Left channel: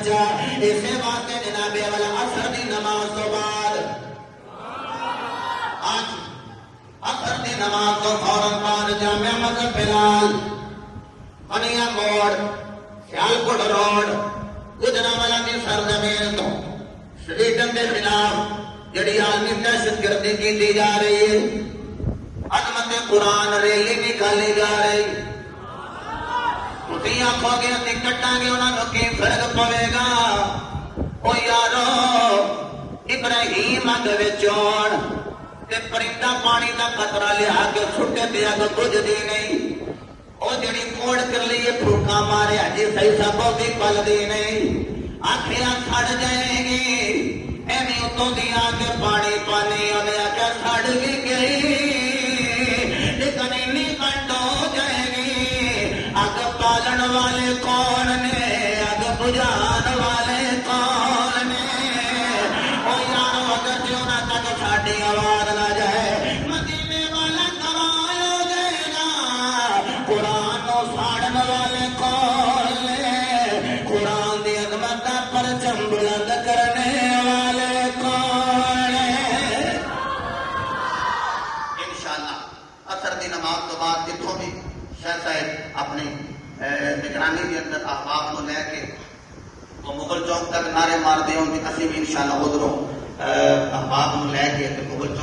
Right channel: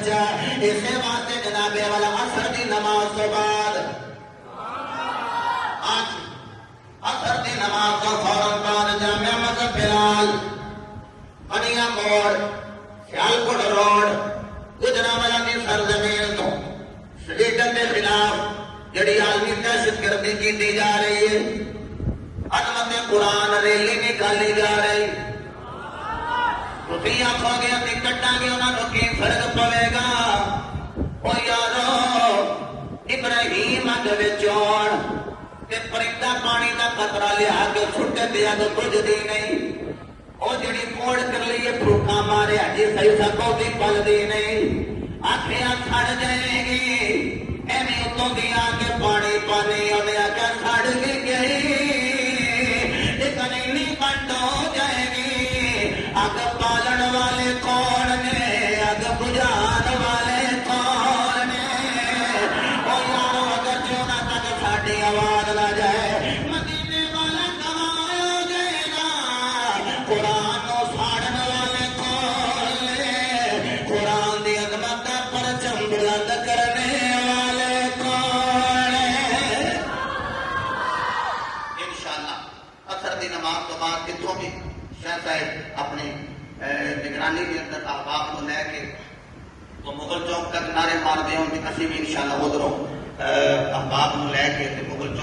بچہ اسے واسطے جناب والا عصر دی نماز تو بعد عصر دی نماز تو فوراً بعد جامع مسجد بلال بنیا موڑ سیالکوٹ روڈ گجرانوالہ کی سرزمین تو شریعت کے خلاف جڑی عالمی دہشت گردی کی جا رہی ہے عظمت قرآن ریلی نکالی جا رہی تھی آخو گے ابھی کٹا گے انہوں نے کی فرق پوے گا او یارو ابراہیم اگ وچون تے پرندہ پانی دا قطرہ لیا کے چھٹے دیا تو کچھ دی نہیں او جڑی کوڑ کر لیے پھوکا مارے اجی صحیح سب بھی پل دی نہیں آخیاں سڑ جائیں گی ایویں اتوں دی آ کے پانی پانی انہیں آ کے سڑ بھی گئی لیکن اینی کنڈ ہو جائے گی اگ پالن والے کون نے اگ بجھان والے کون نے او یارو اگر جو نہ تک ساڈی آواز نہ جائے مدینے والا کمایا جائے گا قرآن کو ساڑن والے کون نے قرآن دی عظمت دا پرچم بلند کرنے والے کون ہیں انشاءاللہ عصر دی نماز تو بعد جتوں بھی شاہ صاحب اپنی نگرانی کے اندر احباب کو لے کے وہ مغل چوک تک نعرے مار دے ان کی اسی بھی انشاءاللہ ادھروں احباب کو لے کے مغل چوک